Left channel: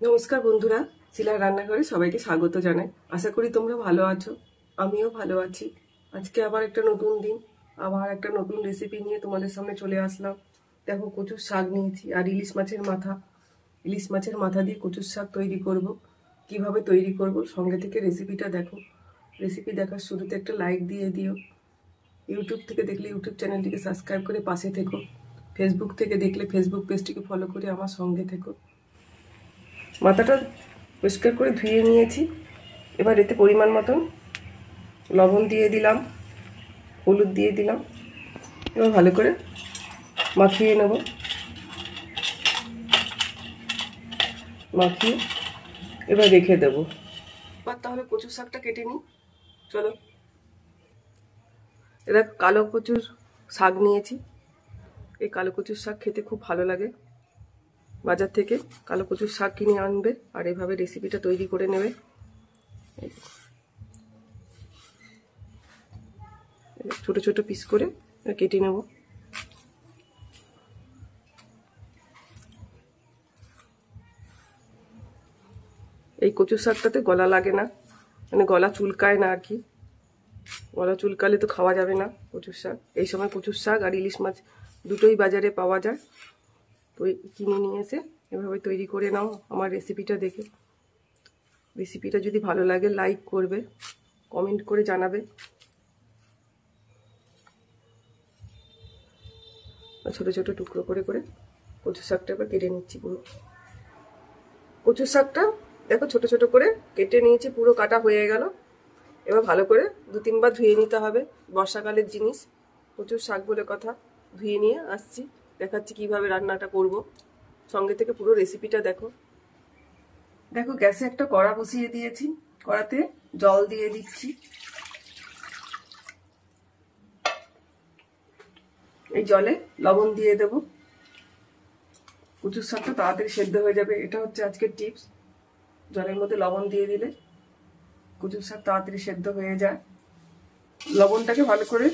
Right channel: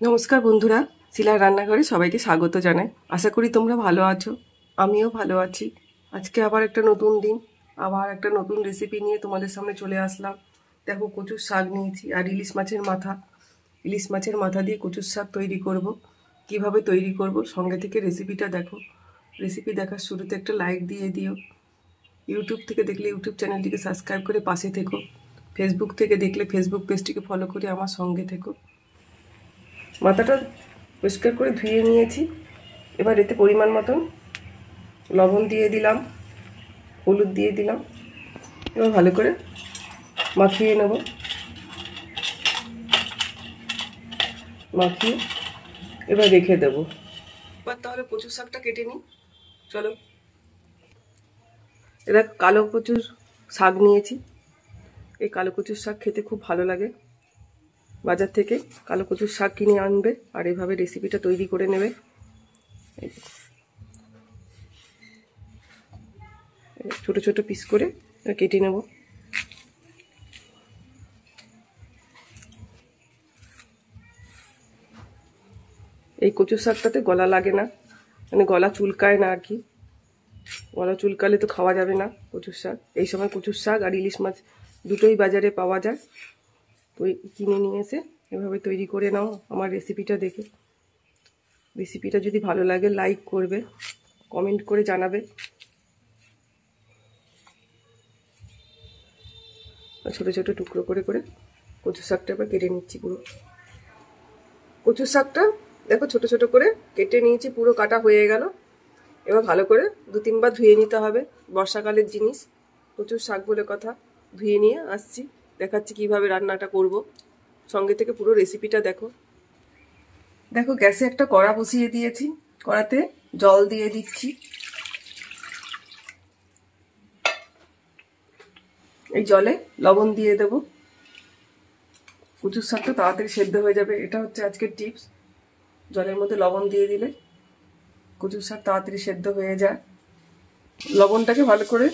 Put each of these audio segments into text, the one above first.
নমস্কার বন্ধুরা, শিলার রান্নাঘরে সবাইকে স্বাগত জানাই। আশা করি তোমরা ভালো আছো, আমিও ভালো আছি। আজকে আবার একটা নতুন দিন, আবার একটা নতুন রেসিপি নিয়ে তোমাদের সামনে চলে আসলাম। দেখো, কচুর শাক নিয়েছি আর ইলিশ মাছের মাথা দিয়ে কচুর শাক তৈরি করব। কিভাবে তৈরি করব সঙ্গে থেকে রেসিপিটা দেখো। রেসিপি দেখার শুরুতে একটা লাইক দিয়ে দিও। ইউটিউব থেকে দেখলে ইউটিউব চ্যানেলটিকে সাবস্ক্রাইব করে পাশে থেকো। ফেসবুক থেকে দেখলে ফেসবুক পেজটিকে ফলো করে আমার সঙ্গে থেকো। মাথাটা পরিষ্কার করে ধুয়ে নিয়েছি। এবার এতে পরিমাণ মতন লবণ দিয়ে দিলাম, হলুদ দিয়ে দিলাম। এবার ভালো করে মাখিয়ে নেব। মাখিয়ে এবার রেখে দেব। এবার তাহলে কচুর শাকটা কেটে নিই, চলো। এবার কালো কচুর শাক নিয়েছি। এই কালো কচুর শাক খেতে খুব ভালো লাগে। বাজার থেকে কালো কচুর শাক কিনে আনবে আর এইভাবে রেসিপিটা তৈরি করে নেবে। ছোট ছোট পিস করে কেটে নেব। এই কচুর শাকটাতে গলা লাগে না, মানে গলা চুলকায় না আর কি। গলা চুলকালে তো খাওয়া যাবে না কচুর শাক। এই সময় কচুর শাক আর ইলিশ মাছ দুটোই বাজারে পাওয়া যায়, তো কিনে নিয়ে এসে এভাবে তৈরি করে নাও। আমার রেসিপিটা দেখে রেসিপিটা যদি ভালো লাগে লাইক করবে, কমেন্ট করে জানাবে। ছোট ছোট টুকরো করে করে কচুর শাকটা এবার কেটে নিচ্ছি। পুরো কচুর শাকটা দেখো ছোট ছোট করে কেটে নিয়েছি, পুরো কাটা হয়ে গেল। এবার ভালো করে 2-3 বার ধুয়ে নিতে হবে। বর্ষাকালের জিনিস কচুর শাক বলে কথা। ধুয়ে নিয়ে আসছি, দেখাচ্ছি কিভাবে রান্নাটা করব। সঙ্গে থেকে পুরো রেসিপিটা দেখো। দেখো, গ্যাসে একটা কড়া বসিয়ে দিয়েছি। কড়াতে জল দিয়ে দিচ্ছি। এই জলে লবণ দিয়ে দেব। কচুর শাকটা তাড়াতাড়ি সেদ্ধ হয়ে যাবে, এটা হচ্ছে আজকের টিপস। জলের মধ্যে লবণ দিয়ে দিলে কচুর শাক তাড়াতাড়ি সেদ্ধ হয়ে যায়। লবণটাকে ভালো করে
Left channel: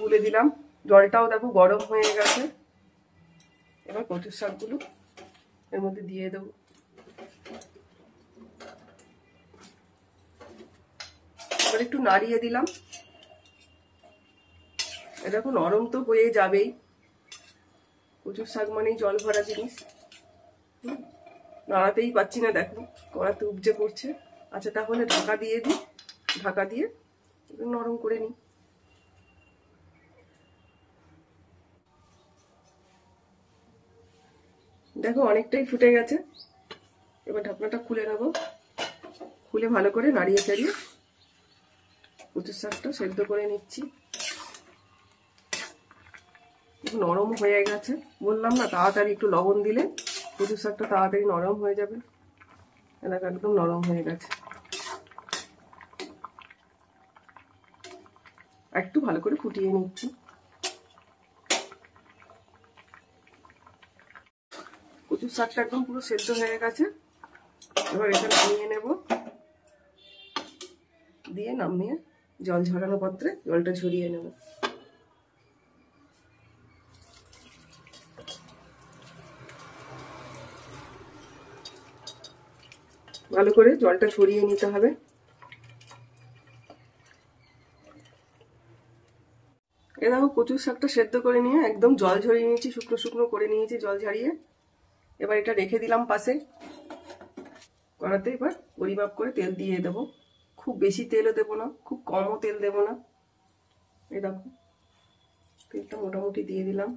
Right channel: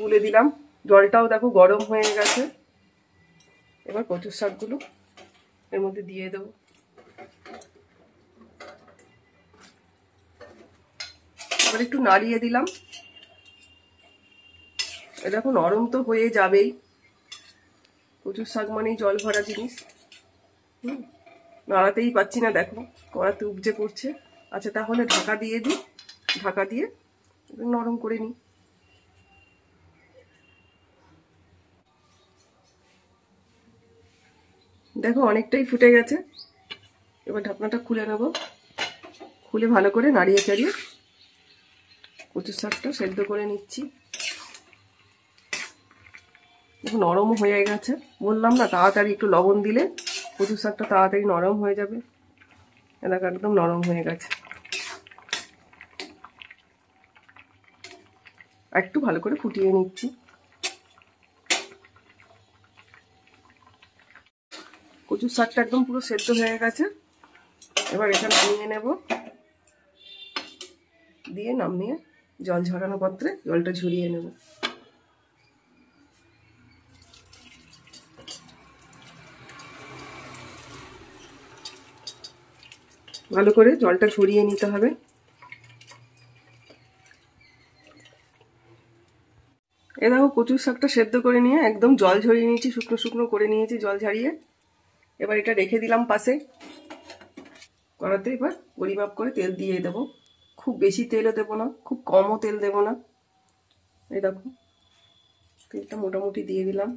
গুলে দিলাম। জলটাও দেখো গরম হয়ে গেছে। এবার কচুর শাকগুলো এর মধ্যে দিয়ে দেবো। এবার একটু নাড়িয়ে দিলাম। এটা দেখো নরম তো হয়ে যাবেই, কচুর শাক মানেই জল ভরা জিনিস। নাড়াতেই পাচ্ছি না, দেখো কড়াতে উপচে পড়ছে। আচ্ছা, তাহলে ঢাকা দিয়ে দিই। ঢাকা দিয়ে নরম করে নিই। দেখো অনেকটাই ফুটে গেছে। এবার ঢাকনাটা খুলে নেব। খুলে ভালো করে নাড়িয়ে চাড়িয়ে কচুর শাকটা সেদ্ধ করে নিচ্ছি। নরম হয়ে গেছে, বললাম না তাড়াতাড়ি একটু লবণ দিলে কচুর শাকটা তাড়াতাড়ি নরম হয়ে যাবে। এলাকা একদম নরম হয়ে গেছে। একটু ভালো করে ফুটিয়ে নিচ্ছি। কচুর শাকটা একদম পুরো সেদ্ধ হয়ে গেছে। এবার এটা নামিয়ে নেব। দিয়ে নামিয়ে জল ঝরানো পাত্রে জলটা ঝরিয়ে নেব। ভালো করে জলটা ঝরিয়ে নিতে হবে। এ দেখো, কচুর শাকটা সেদ্ধ করে নিয়ে একদম জল ঝরিয়ে নিয়েছি, শুকনো শুকনো করে নিয়েছি জল ঝরিয়ে। এবার এটা রেখে দিলাম পাশে। কড়াতে এবার পরিমাপ করে তেল দিয়ে দেবো। খুব বেশি তেলও দেবো না, খুব কমও তেল দেবো না। এই দেখো, তেলটা মোটামুটি দিয়ে দিলাম।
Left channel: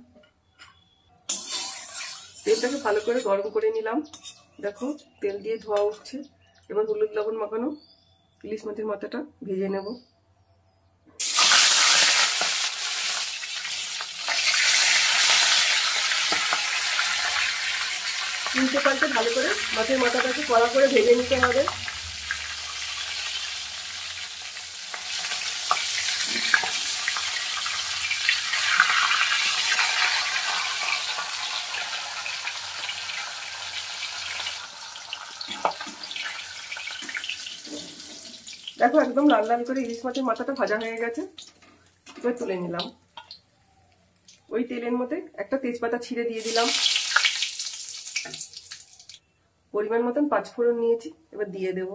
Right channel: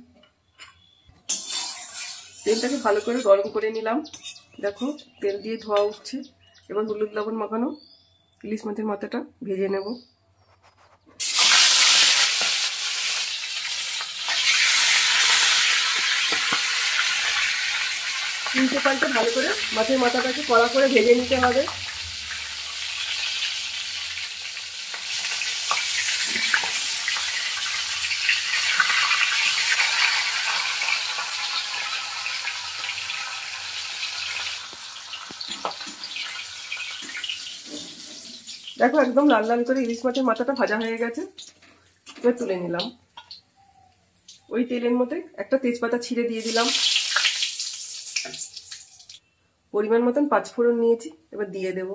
তেলটাকে ভালো করে গরম করে নিলাম। দেখো তেল দিয়ে ধোয়া উঠছে। এবার হলুদ লবণ মাখানো ইলিশ মাছের মাথাটা ভেজে নেব। উল্টে পাল্টে ভালো করে মাছের মাথাটাকে কড়া করে ভেজে নিতে হবে। দেখো একদম লাল লাল করে ইলিশ মাছের মাথাটা ভাজা হয়ে গেছে। এবার তুলে নিলাম। ওই তেলের মধ্যে একটা তেজপাতা ছিঁড়ে দিয়ে দিলাম। পরিমাণ মতন পাঁচফোড়ন নিয়েছি, এবার দিয়ে দেব।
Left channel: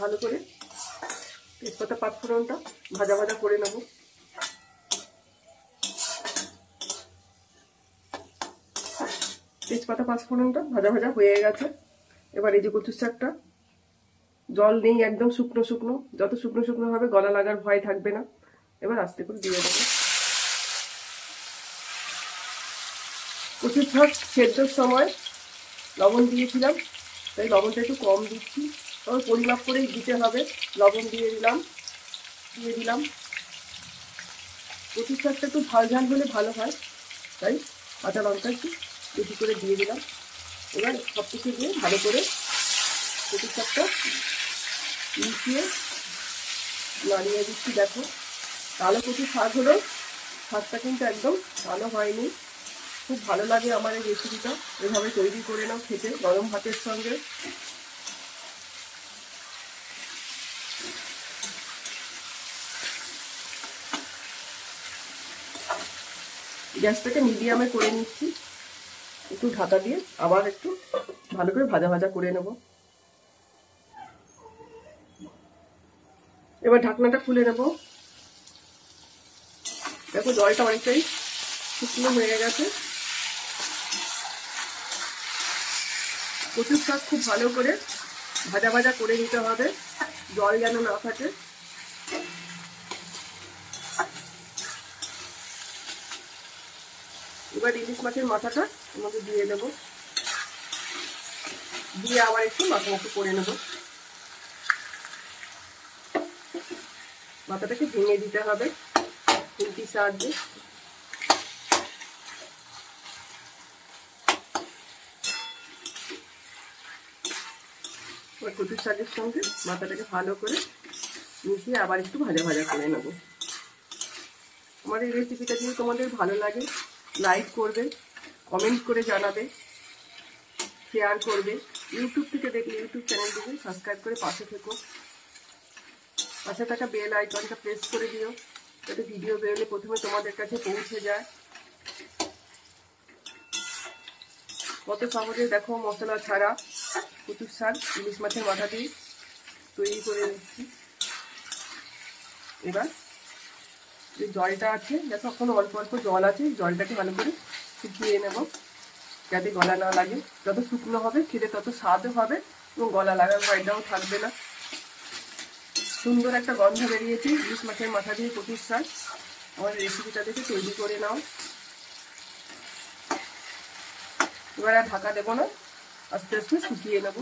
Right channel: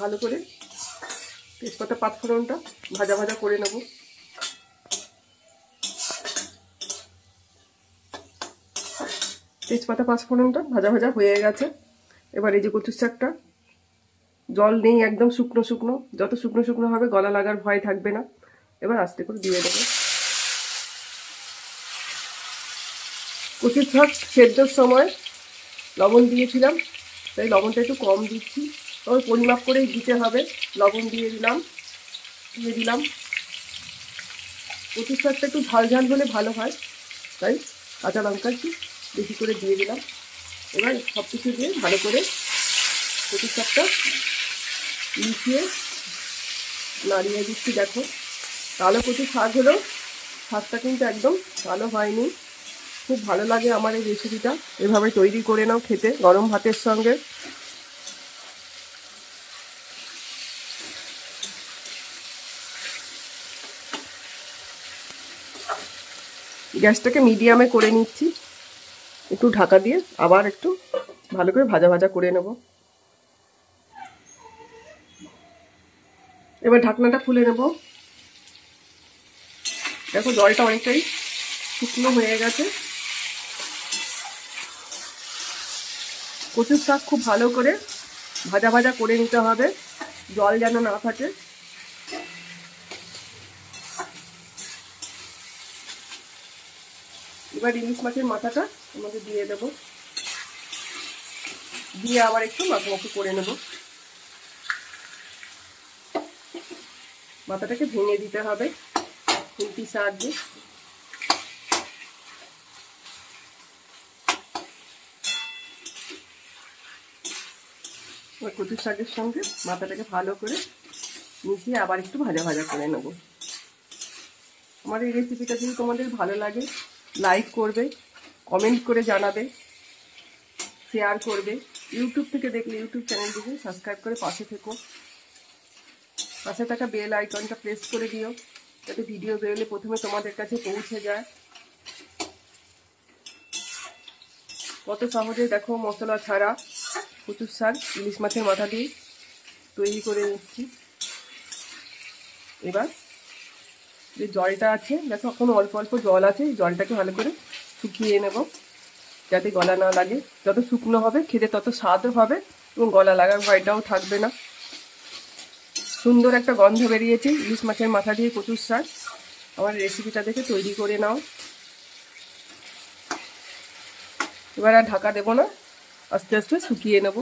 ভালো করে তেজপাতা পাঁচফোড়নটা ভাজা ভাজা করে নেব। তেজপাতা পাঁচফোড়নটা ভাজা ভাজা হয়ে গেছে। এবার এই যে কচুর শাকটা, জল নেই, একদম শুকনো শুকনো, যত শুকনো শুকনো হবে গলা লাগার ভয় থাকবে না। এবার আস্তে করে দিয়ে দেবো। কচুর শাক সেদ্ধর সময় লবণ দিয়েছিলাম, তাই লবণটা একটু কম দিচ্ছি, তবে পরিমাপ করেই দিতে হবে। লবণ দিয়ে দিলাম। কচুর শাকটা একটু ঝাল ঝাল হলে ভালো হয়, তাই কাঁচা লঙ্কা একটু বেশি করে দিয়ে দিলাম। এবার সব কিছু দিয়ে ভালো করে কচুর শাকটা মিশিয়ে নাড়িয়ে দিচ্ছি। দেখো, কালো কচু শাক হলো, শাকটা কিন্তু একদম কালো হয়নি। খুব ভালো লাগে আমার এই রেসিপিটা, এভাবে তৈরি করে নাও খেতে গরম ভাতের সঙ্গে। গ্যাসটাকে মিডিয়ামে করে নিচ্ছি, একটু ঢাকা দিয়ে আবার একটু ভালো করে ভাজা ভাজা করে নেব। এবার ঢাকনাটা খুলে নেব। দেখো জলটা অনেকটাই শুকনো হয়ে গেছে। কচুর শাক খুব ভালো করে ভাজা ভাজা করে নিতে হবে, জল যেন না থাকে। এবার ইলিশ মাছের মাথাটা আমাকে দিয়ে দেবো, দিয়ে আবার একটু মাখামাখি করে নেব। মাথাটাকে ভেঙে দিতে হবে খুন্তির সাহায্যে। এবার কচুর শাকের সঙ্গে মাথাটাকে ভালো করে মিশিয়ে আবার একটু ভাজা ভাজা করে নেব। আমার এই রেসিপিটা যদি তোমাদের ভালো লাগে, লাইক করবে, কমেন্ট করে জানাবে, শেয়ার করবে। ইউটিউব থেকে দেখলে ইউটিউব চ্যানেলটিকে সাবস্ক্রাইব করে পাশে থেকো। পাশে থাকা বেল আইকনটা প্রেস করে দিও, যাতে ভিডিও বেরোলে প্রথমে তোমাদের কাছে পৌঁছে যায়। কত সহজে দেখো মশলা ছাড়া কচুর শাক ইলিশ মাছের মাথা দিয়ে তৈরি করে নিচ্ছি। এবার যে জলটা আছে, দেখো এখন অল্প অল্প জল আছে, জলটাকে ভালো করে শুকিয়ে নেব, যাতে গলা না লাগে। যত শুকনো হবে খেতে তত স্বাদও হবে এবং গলা লাগার ভয়টাও থাকবে না। সুন্দর একটা গন্ধ বেরিয়েছে ইলিশ মাছের মাথা দিয়ে কচুর শাক। আমার রেসিপিটা দেখে তৈরি করে নাও। এবার আর ঢাকা দেবো না, আস্তে আস্তে শুকিয়ে নেব।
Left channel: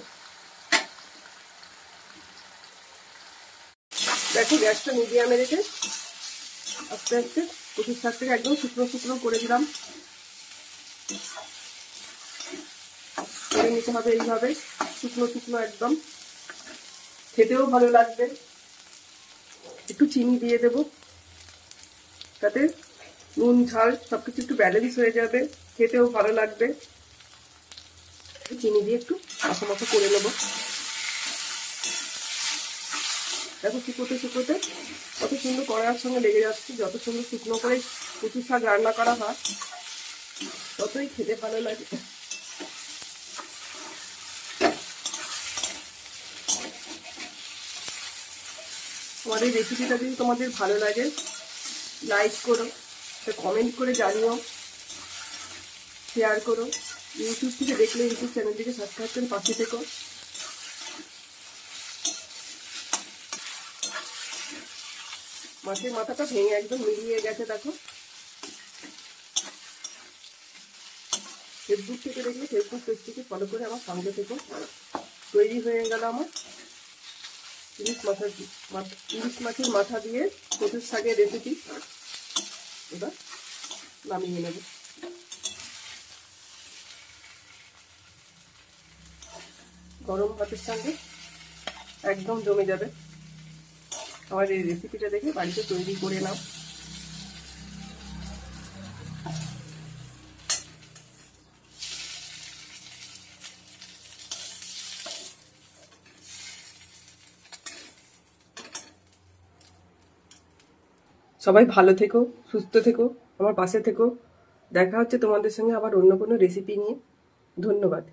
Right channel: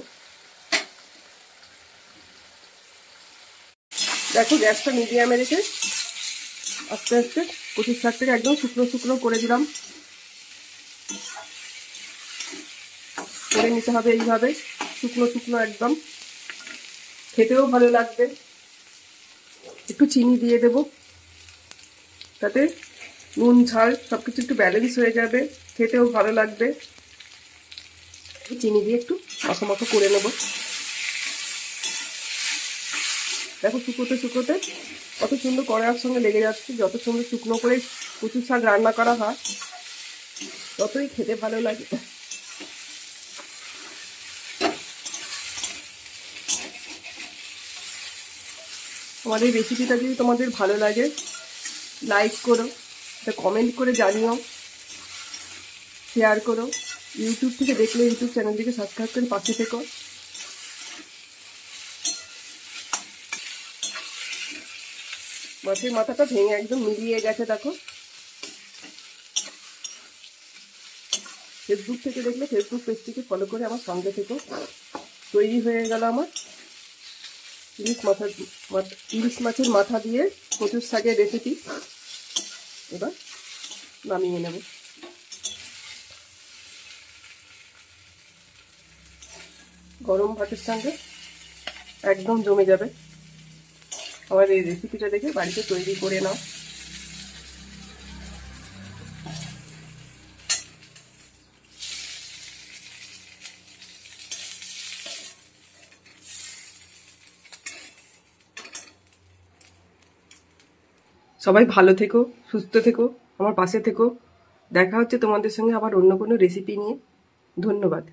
দেখো গ্যাসটা মিডিয়ামে রেখে আস্তে আস্তে কচুর শাকটাকে একদম শুকনো শুকনো করে দিলাম। করে নিতে হবে এইভাবে শুকনো শুকনো একদম, খেতেও ভালো লাগবে। একটু চিনি দিয়ে দেব, তাতে নুন ঝাল সবকিছু একটু ব্যালেন্স হয়ে যাবে, খেতেও ভালো লাগবে। চিনি দিয়ে একটু মাখা করে নেব। দেখো শুকোতে শুকোতে কত সুন্দর কড়াইয়ের সঙ্গে লেগে যাচ্ছে। যত সুন্দর শুকনো করে কচুর শাক রান্না করা হয় ততই খেতে ভালো লাগে। আমার এই রেসিপিটা যদি তোমাদের ভালো লাগে, লাইক করো, কমেন্ট করে জানিও, শেয়ার করো। ইউটিউব থেকে দেখলে ইউটিউব চ্যানেলটিকে সাবস্ক্রাইব করে পাশে থেকো। মাছের মাথাটা ভেঙে একদম মিলিয়ে গেছে। দেখো ফেসবুক থেকে দেখলে ফেসবুক পেজটিকে ফলো করে আমার সঙ্গে থেকো। তৈরি হয়ে গেল আমার ইলিশ মাছের মাথা দিয়ে কচুর শাকের রেসিপি। এবার নামিয়ে নেব। গরম ভাতের সঙ্গে একদম জমে যাবে। আমার এই রেসিপিটা দেখে বাড়িতে তৈরি করে নাও। সবাই ভালো থেকো, সুস্থ থেকো, আমার পাশে থেকো। দেখা হচ্ছে তোমাদের সঙ্গে আবার অন্য কোনো রেসিপি নিয়ে। ধন্যবাদ।